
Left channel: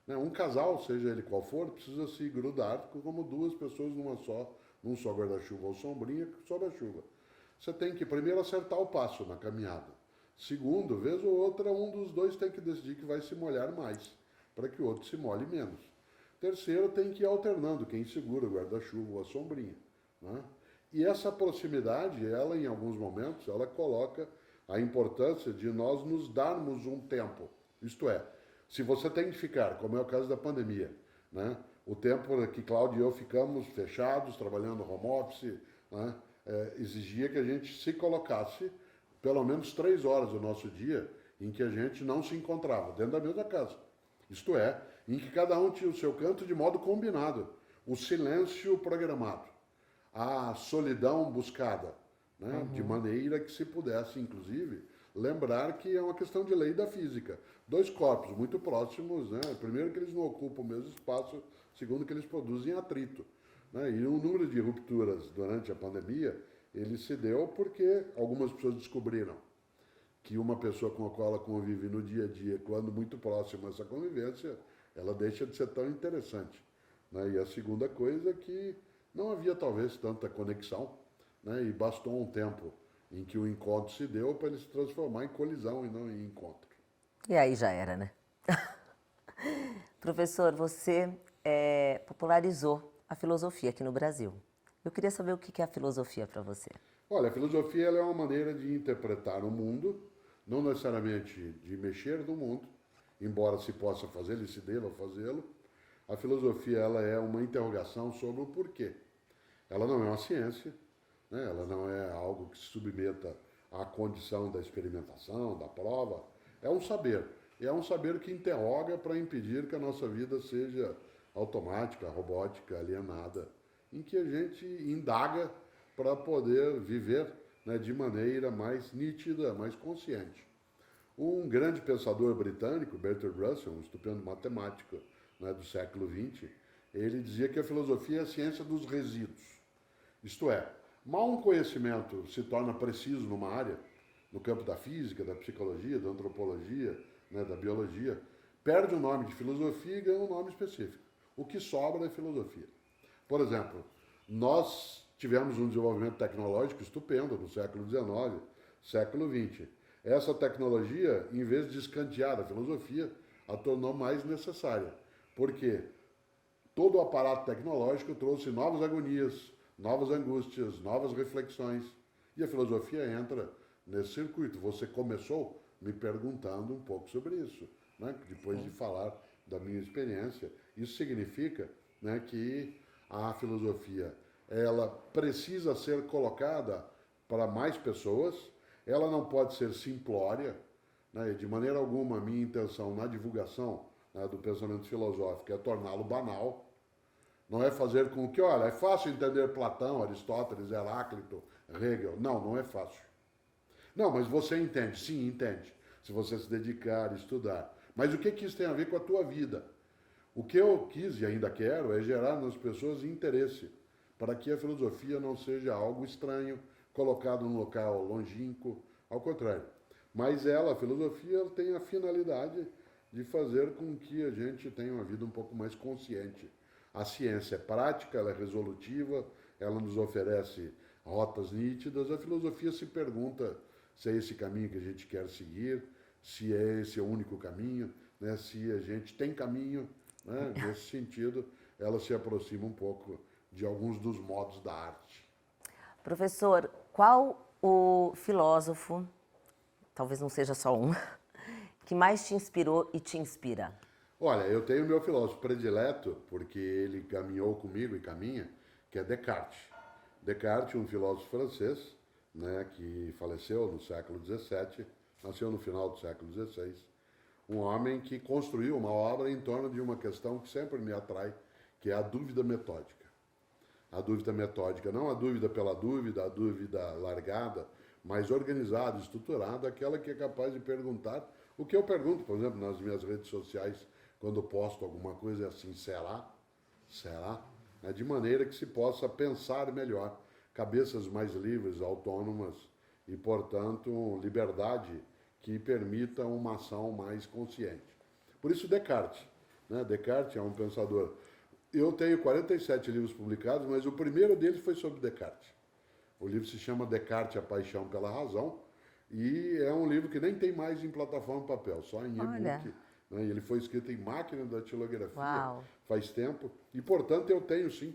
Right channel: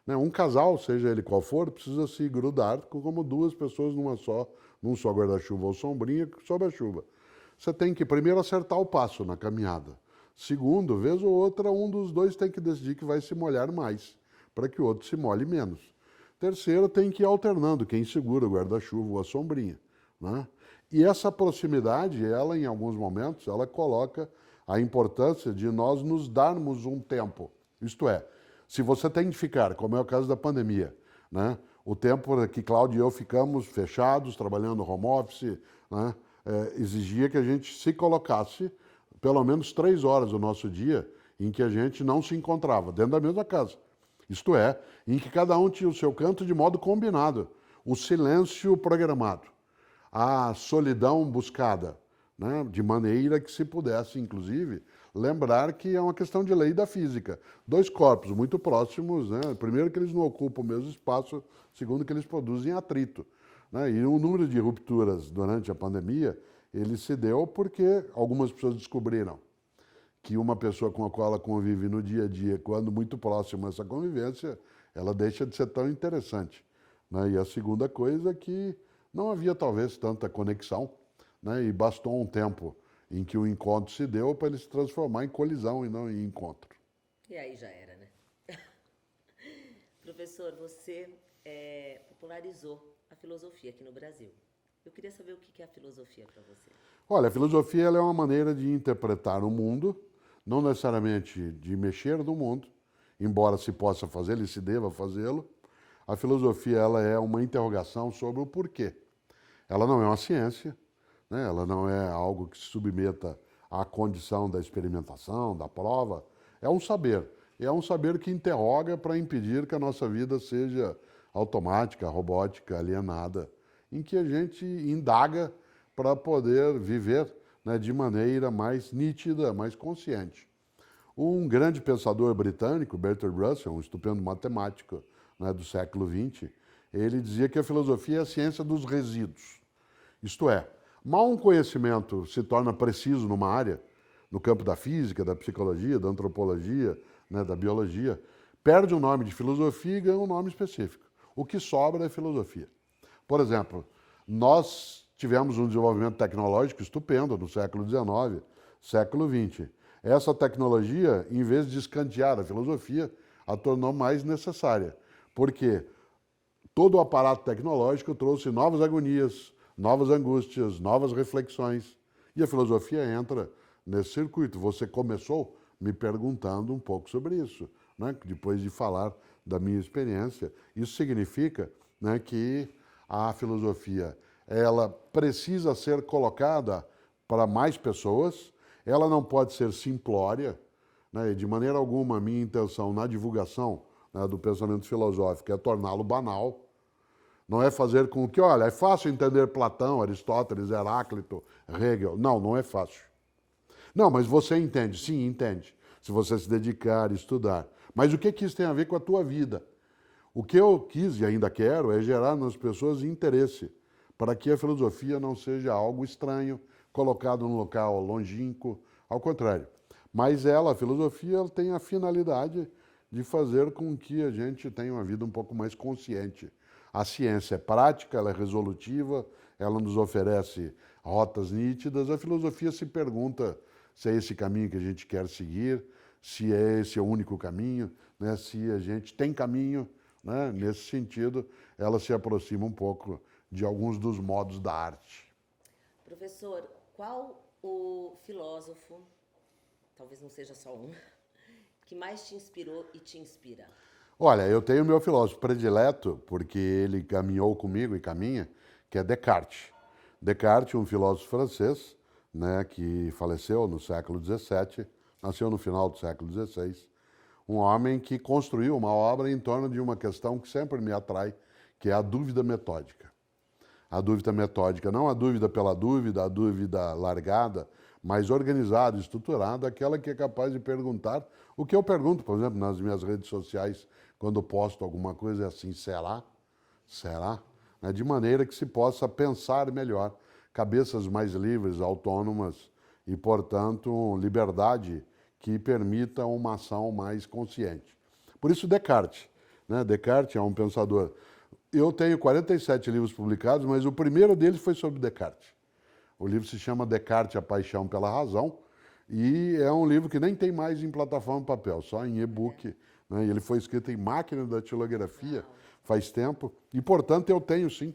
Né? Um casal, seja ele qual for, precisa se grudar como duas pessoas num só guarda-chuva ou sombrinha sob a chuva. Você tem que primeiro acertar o passo na caminhada. Segundo, vez ou outra, um dos dois tem que decidir que vai se molhar mais, para que o outro se molhe menos. Terceiro, tem que ir alternando quem segura o guarda-chuva ou a sombrinha. Né? E essa proximidade, ela em alguns momentos, ela coloca a importância de nós nos darmos um tempo. Isto é, se você tem de ficar, como é o caso da pandemia, né? O tempo que Cláudio e eu ficamos fechados, trabalhando home office, né? Exigia que a gente se colocasse pelo menos 3 horas do nosso dia em que a gente não se encontrava, dentro da mesma casa. Isto é, em que cada um tinha o seu canto de modo combinado, o silêncio programado, a solidão buscada, né? De maneira que se pudesse, inclusive, lembrar que é uma questão de lei da física. Dois corpos muito próximos, né? Primeiro que eles não ocupam o mesmo espaço, segundo que eles produzem atrito. Né? E o número de rupturas durante a pandemia, ele se deu porque algumas pessoas descobriram que uma pessoa com a qual ela convive no dia a dia, quando muito próxima essa convivência, ela deixa de ser tão interessante. Né? E a segunda coisa é que não havia talvez tanta conexão, né? E bastou um tempo em que o encontro se deu para ele se transformar em colisão e não em encontro. E aí já era, né? Professor, você popularizou a filosofia aqui no Brasil. Eu queria saber o que é a filosofia para você. Olha, a filosofia ela é uma maneira de interpretar o mundo, não necessariamente de mexer no mundo, embora se possa fazê-lo e se deva fazê-lo. A filosofia ela é uma interrogação sobre o porquê. Ela não é uma ciência, né? Ela não é algo que se submeta à condição da experimentação, da prova. É um saber. É um saber que interroga para impedir que a nossa vida seja automática, robótica, alienada, em que a gente indaga para poder viver, né, de maneira mais nítida, mais consciente. Um grande pensador britânico, Bertrand Russell, um estupendo matemático, né, do século XX, ele dizia que a filosofia é a ciência dos resíduos. Isto é, mal um conhecimento se torna preciso numa área, no campo da física, da psicologia, da antropologia, né, da biologia, perde o nome de filosofia e ganha um nome específico. O que sobra é filosofia. Por exemplo, nós tivemos um desenvolvimento tecnológico estupendo no século XIX, século XX. Essa tecnologia, em vez de escantear a filosofia, a tornou mais necessária, porque todo o aparato tecnológico trouxe novas agonias, novas angústias, novas reflexões, e a filosofia entra nesse circuito. Você começou me perguntando um pouco sobre isso, né? Depois de falar da minha experiência. Isso significa, né, que a filosofia ela precisa ser colocada para mais pessoas, ela não pode ser simplória, né? De maneira alguma a minha intenção na divulgação, né, do pensamento filosófico é torná-lo banal, não é fazer com que, olha, é fácil entender Platão, Aristóteles, Heráclito, Hegel. Não, não é fácil. Não, mas você entende? Sim, entende. Se você se dedicar, estudar. Mas o que isso tem a ver com a tua vida? O que eu quis e ainda quero é gerar nas pessoas interesse, para que a filosofia não seja algo estranho, colocado num local longínquo, ao contrário. Mas ela, a filosofia, ela tem a finalidade de fazer com que a gente tenha uma vida um pouco mais consciente. A ciência é prática, ela é resolutiva, ela nos oferece rotas nítidas. A filosofia se pergunta se é esse caminho que a gente quer seguir, se é esse o único caminho, né? Se a gente tem caminho, né? Nesse sentido, ela se aproxima um pouco de alguns dos modos da arte. Professor, qual o filósofo, talvez não seja só um, que mais te inspirou e te inspira? Olha, eu tenho meu filósofo predileto, porque ele caminhou comigo e caminha, que é Descartes. Descartes, um filósofo francês, né, que faleceu no século XVII, nasceu no final do século XVI, um homem que construiu uma obra em torno de uma questão que sempre me atrai, que é a dúvida metódica. a dúvida metódica, não a dúvida pela dúvida, a dúvida largada, mas organizada, estruturada, aquela que é capaz de perguntar o que eu pergunto, por exemplo, nas minhas redes sociais, quando posto alguma coisa, é assim, será? Será? De maneira que se possa pensar melhor, cabeças mais livres, autônomas e, portanto, liberdade que permita uma ação mais consciente. Por isso Descartes, né? Descartes é um pensador. Eu tenho 47 livros publicados, mas o primeiro deles foi sobre Descartes. O livro se chama Descartes, a Paixão pela Razão, e é um livro que nem tem mais em plataforma papel, só em e-book. Né? Ele foi escrito em máquina de datilografia. Uau. Faz tempo, e portanto eu tenho sim.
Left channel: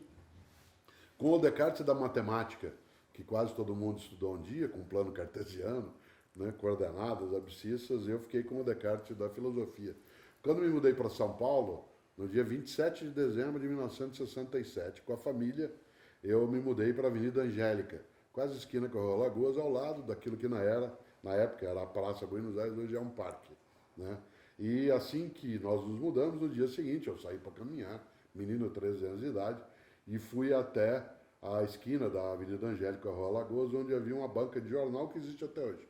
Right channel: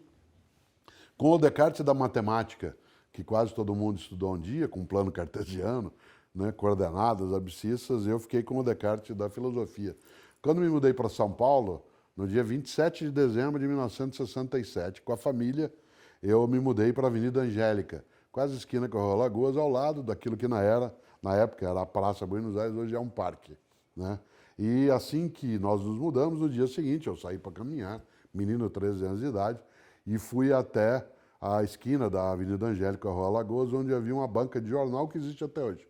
Com o Descartes da matemática, que quase todo mundo estudou um dia, com plano cartesiano, né, coordenadas, abscissas, eu fiquei com o Descartes da filosofia. Quando me mudei para São Paulo, no dia 27 de dezembro de 1967, com a família, eu me mudei para a Avenida Angélica, quase esquina com a Rua Lagoas, ao lado daquilo que na época era a Praça Buenos Aires, hoje é um parque, né? E assim que nós nos mudamos, no dia seguinte eu saí para caminhar, menino, 13 anos de idade, e fui até a esquina da Avenida Angélica, Rua Lagoas, onde havia uma banca de jornal que existe até hoje.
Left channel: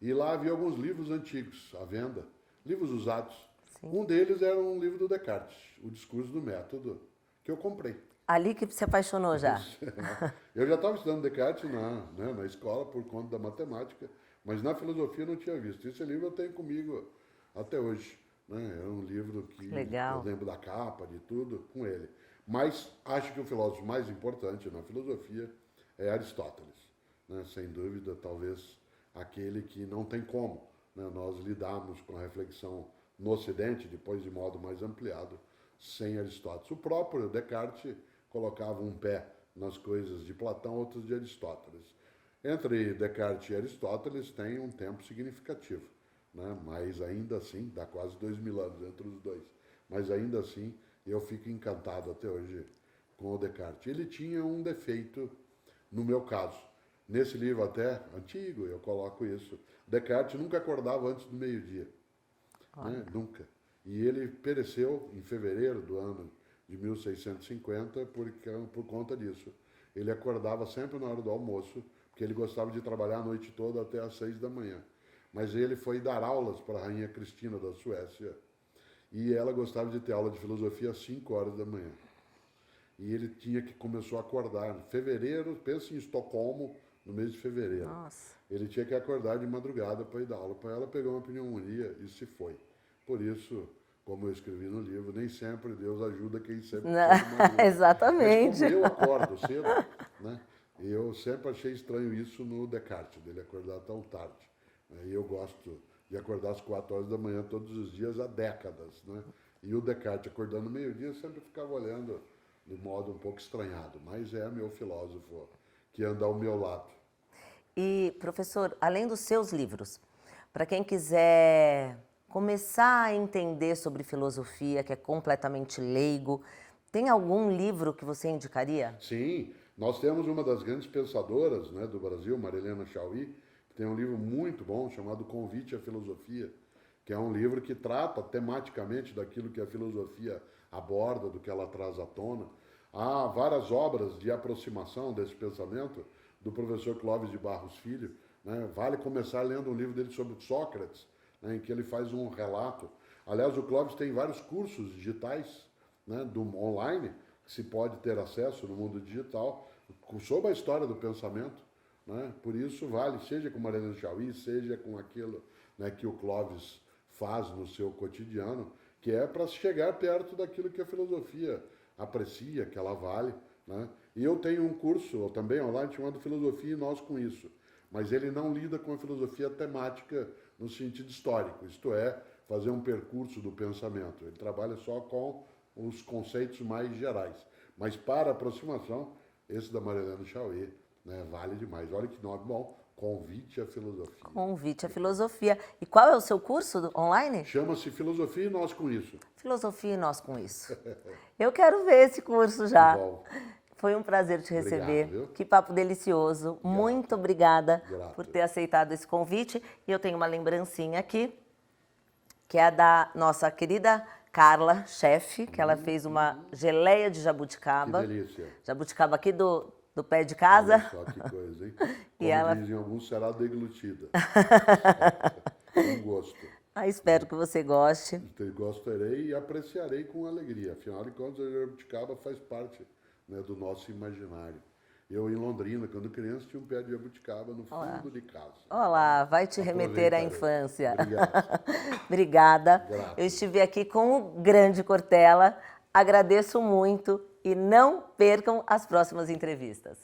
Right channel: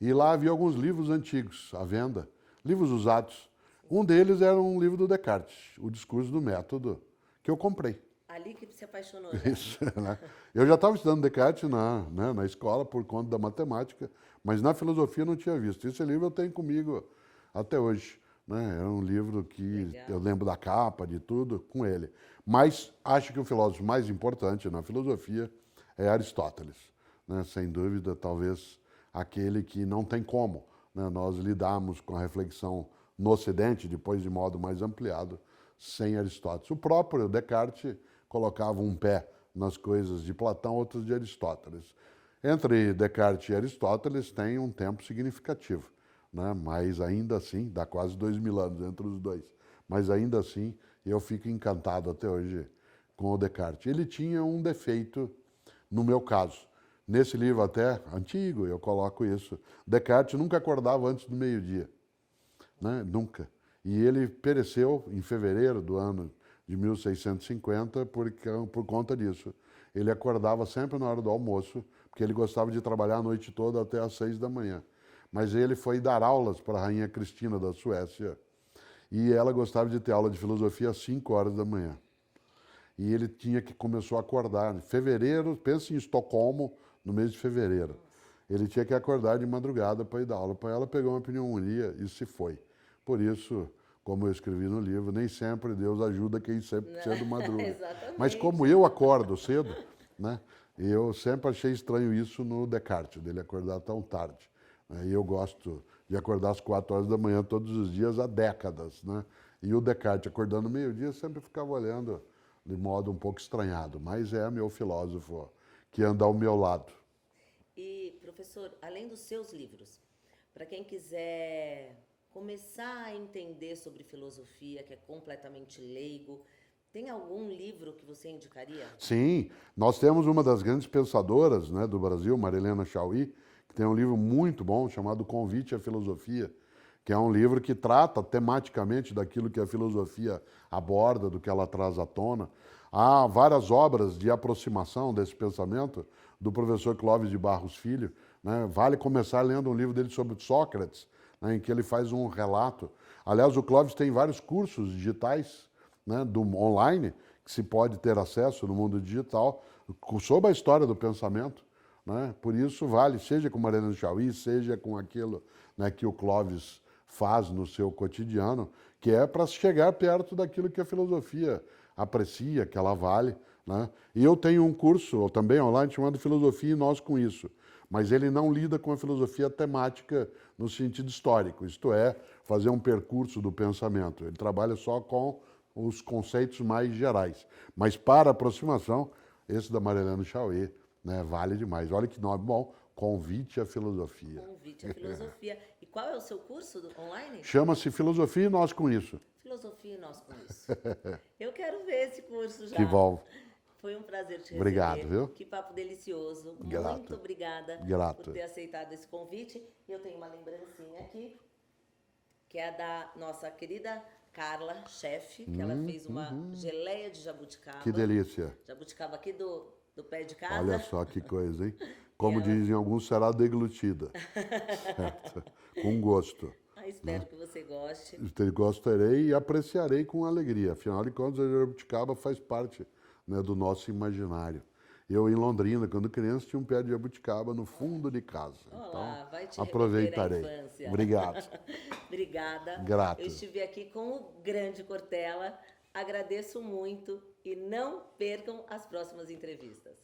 E lá havia alguns livros antigos à venda, livros usados. Sim. Um deles era um livro do Descartes, O Discurso do Método, que eu comprei. Ali que se apaixonou já. Isso, né? Eu já estava estudando Descartes na escola por conta da matemática, mas na filosofia eu não tinha visto. Esse livro eu tenho comigo até hoje. Né? É um livro que Legal. Eu lembro da capa, de tudo, com ele. Mas acho que o filósofo mais importante na filosofia é Aristóteles. Né? Sem dúvida, talvez aquele que não tem como, né, nós lidarmos com a reflexão no Ocidente, depois de modo mais ampliado, sem Aristóteles. O próprio Descartes colocava um pé nas coisas de Platão, outros de Aristóteles. Entre Descartes e Aristóteles tem um tempo significativo, né? Mas ainda assim, dá quase 2000 anos entre os dois, mas ainda assim eu fico encantado até hoje com o Descartes. Ele tinha um defeito, no meu caso. Nesse livro até antigo, eu coloco isso. Descartes nunca acordava antes do meio-dia. Né? Nunca. E ele pereceu em fevereiro do ano de 1650 por conta disso. Ele acordava sempre na hora do almoço, porque ele gostava de trabalhar a noite toda até às 6 da manhã. Mas ele foi dar aulas para a rainha Cristina da Suécia. E ela gostava de ter aula de filosofia às 5 horas da manhã. E ele começou a acordar. Em fevereiro, pensa em Estocolmo, no mês de fevereiro. Nossa. Ele tinha que acordar de madrugada para ir dar aula. Para ela, pegou uma pneumonia e se foi. Por isso, como eu escrevi no livro, nem sempre Deus ajuda quem sempre cedo madruga. Exatamente. Mas como eu acordo cedo, né, eu sempre achei estranho isso no Descartes, dele acordar tão tarde. E eu gosto de acordar às 4 horas da manhã todos os dias há décadas. Né? E o Descartes acordando meio-dia sempre ficava olhando de modo um pouco estranhado, mas é meu filósofo que anda ao meu lado. E, professor, além dos seus livros, para quem quiser começar a entender sobre filosofia, que é completamente leigo, tem algum livro que você indicaria? Sim, nós temos uma das grandes pensadoras, né, do Brasil, Marilena Chaui, que tem um livro muito bom chamado Convite à Filosofia, que é um livro que trata tematicamente daquilo que a filosofia aborda, do que ela traz à tona. Há várias obras de aproximação desse pensamento do professor Clóvis de Barros Filho. Né? Vale começar lendo um livro dele sobre Sócrates, né, em que ele faz um relato. Aliás, o Clóvis tem vários cursos digitais, né, online, que se pode ter acesso no mundo digital, sobre a história do pensamento. Né? Por isso vale, seja com Marilena Chaui, seja com aquilo, né, que o Clóvis faz no seu cotidiano, que é para chegar perto daquilo que a filosofia aprecia, que ela vale. Né? E eu tenho um curso também online chamado Filosofia e Nós com Isso, mas ele não lida com a filosofia temática no sentido histórico, isto é, fazer um percurso do pensamento. Ele trabalha só com os conceitos mais gerais. Mas para aproximação, esse da Marilena Chaui, né, vale demais. Olha que nome bom, Convite à Filosofia. Convite à Filosofia. E qual é o seu curso online? Chama-se Filosofia e Nós com Isso. Filosofia e Nós com Isso. Eu quero ver esse curso já. Que bom. Foi um prazer te receber. Obrigado, viu? Que papo delicioso. Grato. Muito obrigada Grato. por ter aceitado esse convite. E eu tenho uma lembrancinha aqui, que é a da nossa querida Carla, chefe, que ela fez uma geleia de Que jabuticaba. delícia. Jabuticaba aqui do pé de casa. Olha só que coisa, hein? Como ela- dizem alguns, será deglutida. Com gosto. Ah, espero que você goste. Gostarei e apreciarei com alegria. Afinal de contas, a jabuticaba faz parte, né, do nosso imaginário. Eu, em Londrina, quando criança, tinha um pé de jabuticaba no fundo de casa. Olá, vai te remeter à Aproveitarei. infância. Obrigado. Obrigada. Grato. Eu estive aqui com o grande Cortella. Agradeço muito e não percam as próximas entrevistas.